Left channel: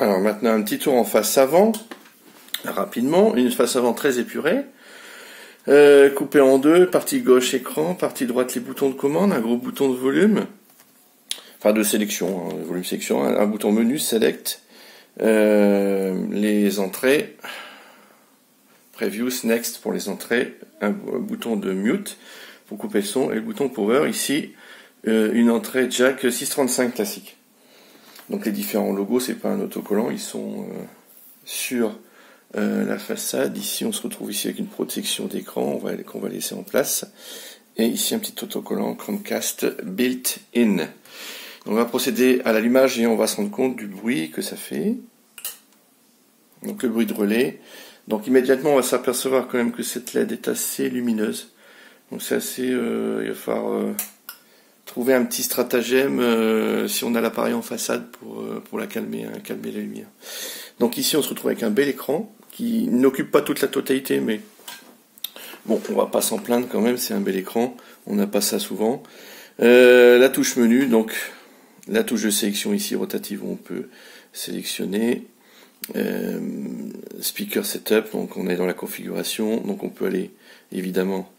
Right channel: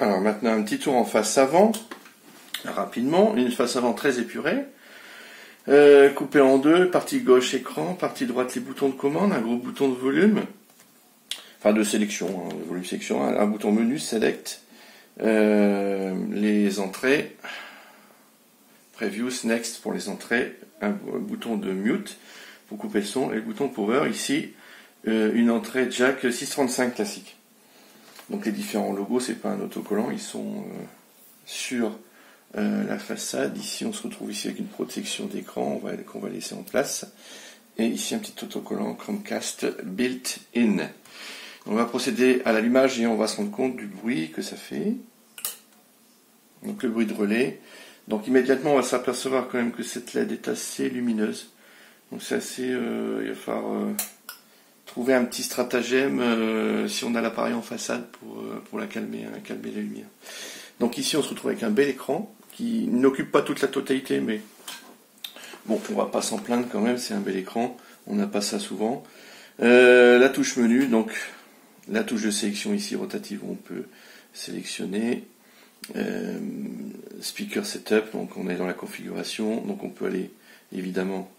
Alors maintenant un petit tour en face avant, rapidement, une face avant très épurée. Coupé en deux, partie gauche écran, partie droite les boutons de commande, un gros bouton de volume, enfin de sélection, volume sélection, un bouton menu select, les entrées, previews, next pour les entrées, un bouton de mute pour couper le son et le bouton power ici, une entrée jack 635 classique. Donc les différents logos, c'est pas un autocollant, ils sont sur la façade. Ici on se retrouve ici avec une protection d'écran qu'on va laisser en place, et ici un petit autocollant Chromecast built-in. On va procéder à l'allumage et on va se rendre compte du bruit que ça fait. Donc le bruit de relais. Donc immédiatement on va s'apercevoir quand même que cette LED est assez lumineuse. Donc c'est assez, il va falloir trouver un petit stratagème si on a l'appareil en façade pour la calmer la lumière. Donc ici on se retrouve avec un bel écran qui n'occupe pas toute la totalité, mais bon, on va pas s'en plaindre quand même, c'est un bel écran, on n'a pas ça souvent. La touche menu, donc la touche de sélection ici rotative où on peut sélectionner. Speaker setup, donc on est dans la configuration, donc on peut aller évidemment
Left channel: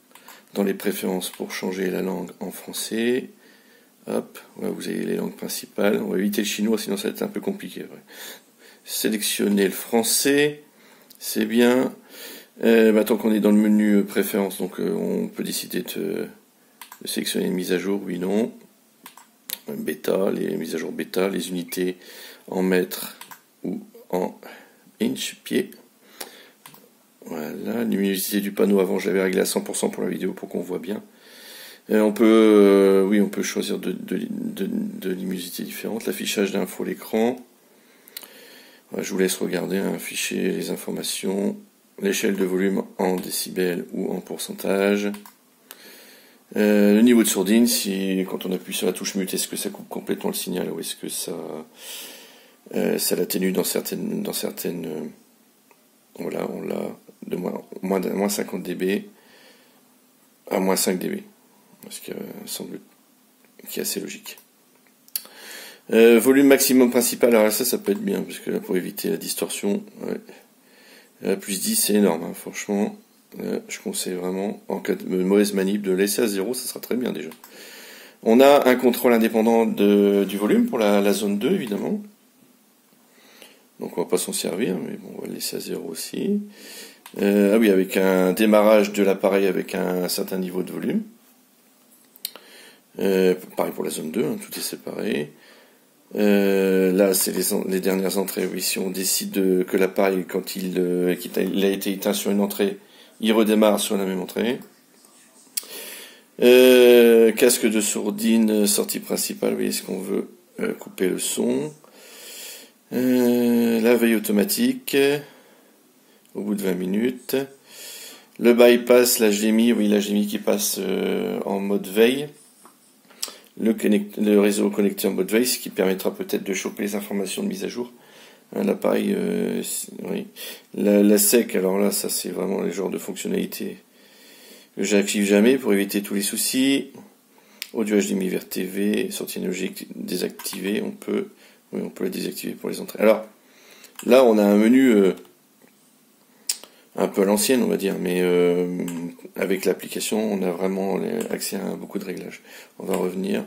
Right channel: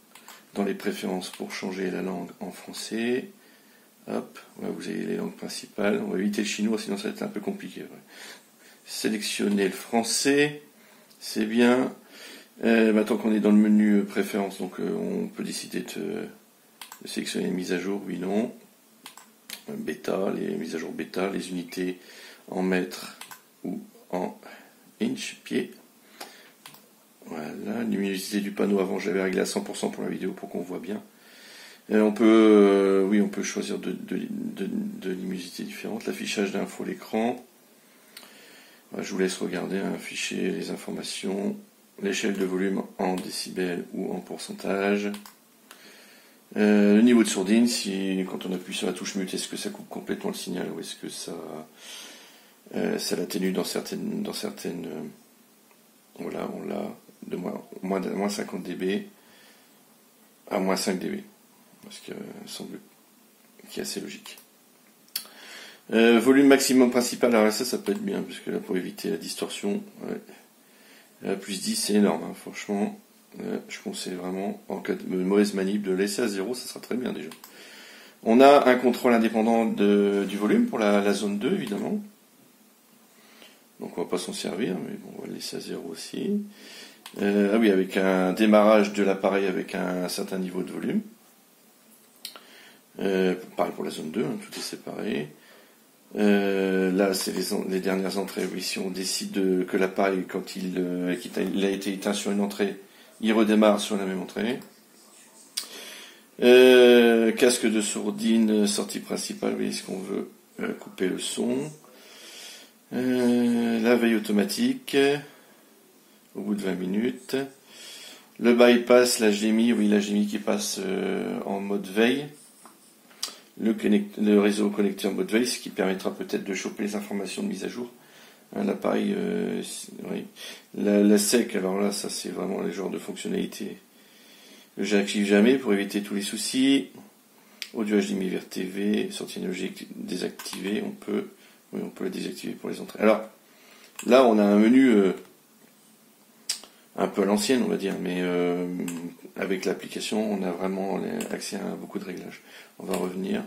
dans les préférences pour changer la langue en français. Hop, voilà, vous avez les langues principales. On va éviter le chinois, sinon ça va être un peu compliqué. Ouais. Sélectionner le français, c'est bien. Tant qu'on est dans le menu préférences, donc on peut décider de sélectionner une mise à jour, oui, non. Bêta, les mises à jour bêta, les unités en mètres ou en inch, pied. Voilà, luminosité du panneau, avant j'avais réglé à 100% pour la vidéo pour qu'on voit bien. On peut choisir de luminosité différentes. L'affichage d'infos l'écran. Voilà, je vous laisse regarder un fichier, les informations, l'échelle de volume en décibels ou en pourcentage. Le niveau de sourdine, si quand on appuie sur la touche mute, est-ce que ça coupe complètement le signal ou est-ce que ça l'atténue dans certaines voilà, on l'a de moins 50 dB à moins 5 dB, parce que semble qui est assez logique. Volume maximum principal, alors ça peut être bien, parce que là pour éviter la distorsion, plus 10 c'est énorme, hein, franchement, je conseille vraiment, en cas de mauvaise manip, de laisser à 0, ça sera très bien déjà. On a un contrôle indépendant du volume pour la zone 2 évidemment. Donc on va pas s'en servir, mais bon, on va le laisser à 0 aussi. Ah oui, avec un démarrage de l'appareil avec un certain niveau de volume. Pareil pour la zone 2, hein, tout est séparé. Là, c'est les dernières entrées. Oui, si on décide que l'appareil, quand il a été éteint sur une entrée, il redémarre sur la même entrée. Casque de sourdine, sortie principale, oui, est-ce qu'on veut couper le son. La veille automatique au bout de 20 minutes. Le bypass, la GMI, oui, la GMI qui passe en mode veille. Le réseau connecté en mode veille, ce qui permettra peut-être de choper les informations de mise à jour. Hein, l'appareil, oui. La SEC, alors là, ça c'est vraiment le genre de fonctionnalité que j'active jamais pour éviter tous les soucis. Audio HDMI vers TV, sortie analogique désactivée, on peut le désactiver pour les entrées. Alors, là, on a un menu un peu à l'ancienne, on va dire, mais avec l'application, on a vraiment accès à beaucoup de réglages. On va revenir,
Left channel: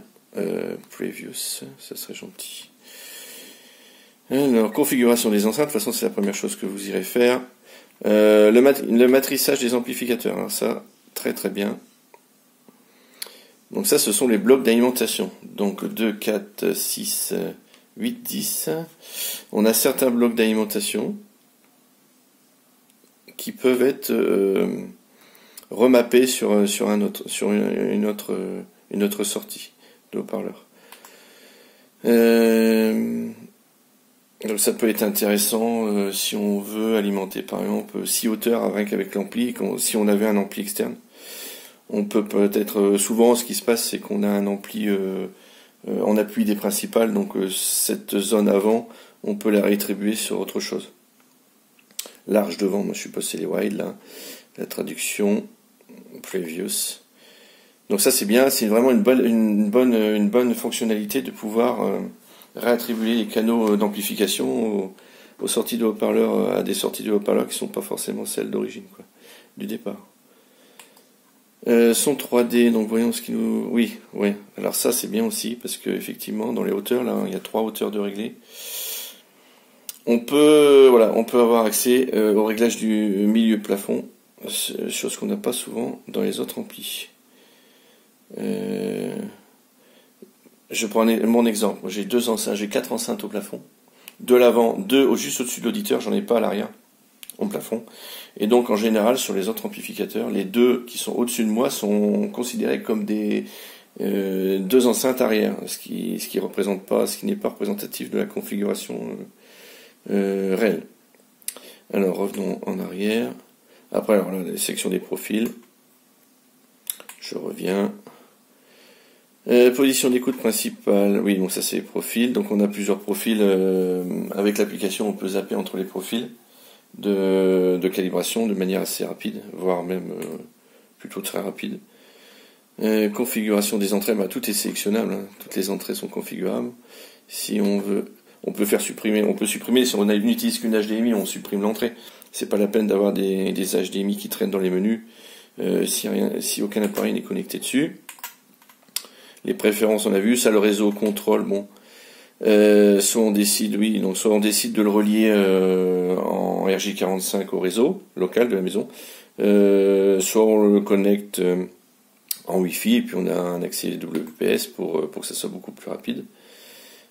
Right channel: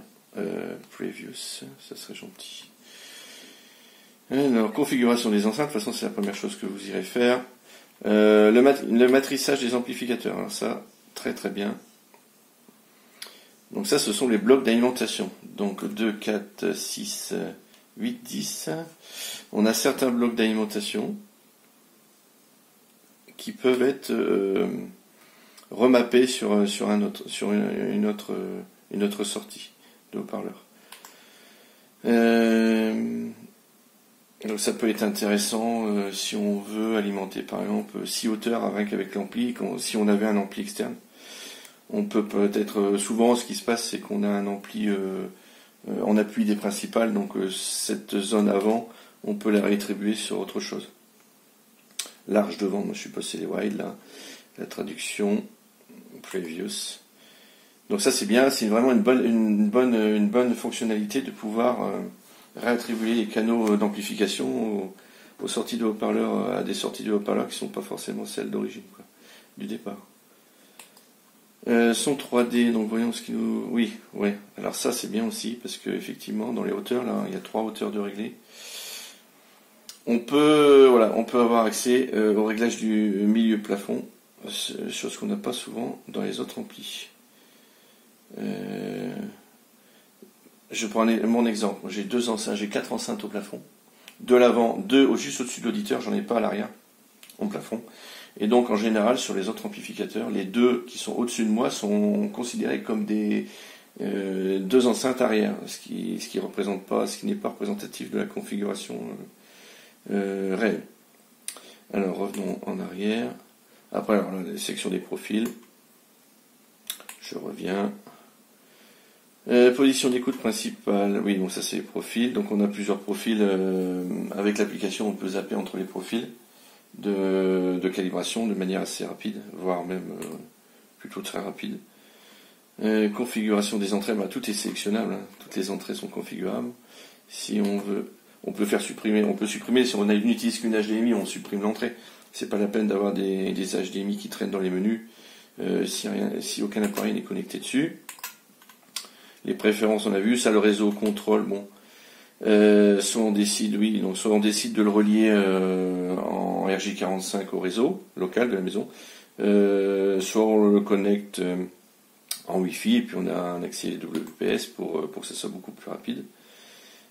Previews, ça serait gentil. Alors, configuration des enceintes, de toute façon, c'est la première chose que vous irez faire. Le matrissage des amplificateurs, alors ça, très très bien. Donc ça, ce sont les blocs d'alimentation. Donc 2, 4, 6... 8, 10, on a certains blocs d'alimentation qui peuvent être remappés sur une autre sortie de haut-parleur. Donc ça peut être intéressant si on veut alimenter par exemple 6 hauteurs avec l'ampli, si on avait un ampli externe. On peut peut-être souvent ce qui se passe c'est qu'on a un ampli en appui des principales, donc cette zone avant, on peut la réattribuer sur autre chose. Large devant, moi je suppose c'est les wide là, la traduction, previous. Donc ça c'est bien, c'est vraiment une bonne fonctionnalité de pouvoir réattribuer les canaux d'amplification aux sorties de haut-parleurs, à des sorties de haut-parleurs qui ne sont pas forcément celles d'origine, du départ. Son 3D, donc voyons ce qui nous... Oui, ouais. Alors ça c'est bien aussi, parce que effectivement dans les hauteurs, là, il y a 3 hauteurs de régler. On peut avoir accès au réglage du milieu plafond, chose qu'on n'a pas souvent dans les autres amplis. Je prends mon exemple. J'ai 2 enceintes, j'ai 4 enceintes au plafond. De l'avant, 2 juste au-dessus de l'auditeur, j'en ai pas à l'arrière, au plafond. Et donc en général, sur les autres amplificateurs, les 2 qui sont au-dessus de moi sont considérés comme des 2 enceintes arrière, ce qui n'est pas représentatif de la configuration réelle. Alors revenons en arrière. Après, alors, la section des profils. Je reviens. Position d'écoute principale, oui, donc ça c'est les profils. Donc on a plusieurs profils. Avec l'application, on peut zapper entre les profils de calibration de manière assez rapide, voire même plutôt très rapide. Configuration des entrées, tout est sélectionnable, hein. Toutes les entrées sont configurables. Si on veut, on peut supprimer. Si on n'utilise qu'une HDMI, on supprime l'entrée. C'est pas la peine d'avoir des HDMI qui traînent dans les menus si aucun appareil n'est connecté dessus. Les préférences, on a vu, ça, le réseau contrôle, bon. Soit on décide de le relier en RJ45 au réseau local de la maison, soit on le connecte en Wi-Fi et puis on a un accès WPS pour que ça soit beaucoup plus rapide.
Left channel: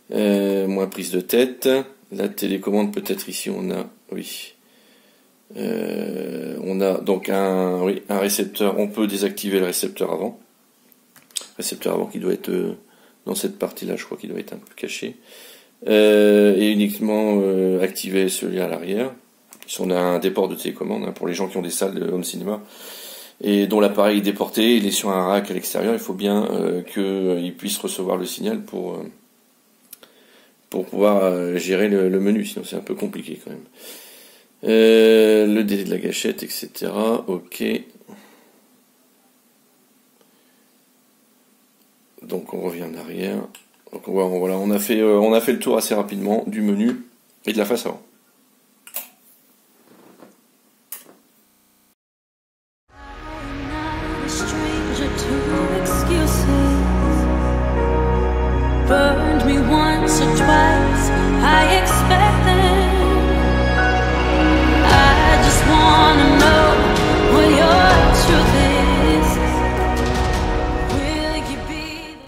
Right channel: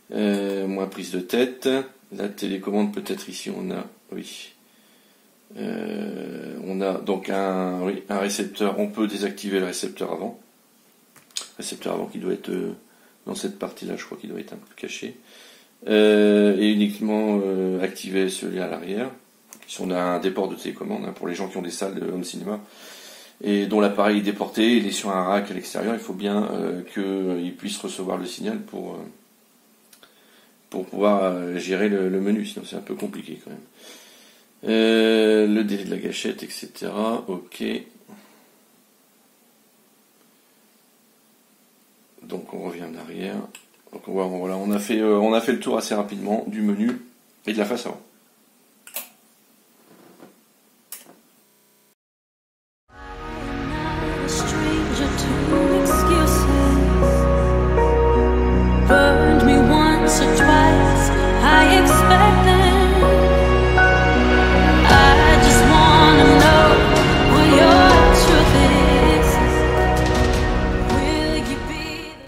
Moins prise de tête. La télécommande, peut-être ici on a, oui. On a donc un récepteur, on peut désactiver le récepteur avant. Récepteur avant qui doit être dans cette partie-là, je crois qu'il doit être un peu caché. Et uniquement activer celui à l'arrière. Si on a un déport de télécommande, hein, pour les gens qui ont des salles de home cinéma et dont l'appareil est déporté, il est sur un rack à l'extérieur, il faut bien qu'il puisse recevoir le signal pour pouvoir gérer le menu, sinon c'est un peu compliqué quand même. Le délai de la gâchette, etc. Ok. Donc on revient en arrière. Donc voilà, on a fait le tour assez rapidement du menu et de la face avant. Burned me once or twice, I expect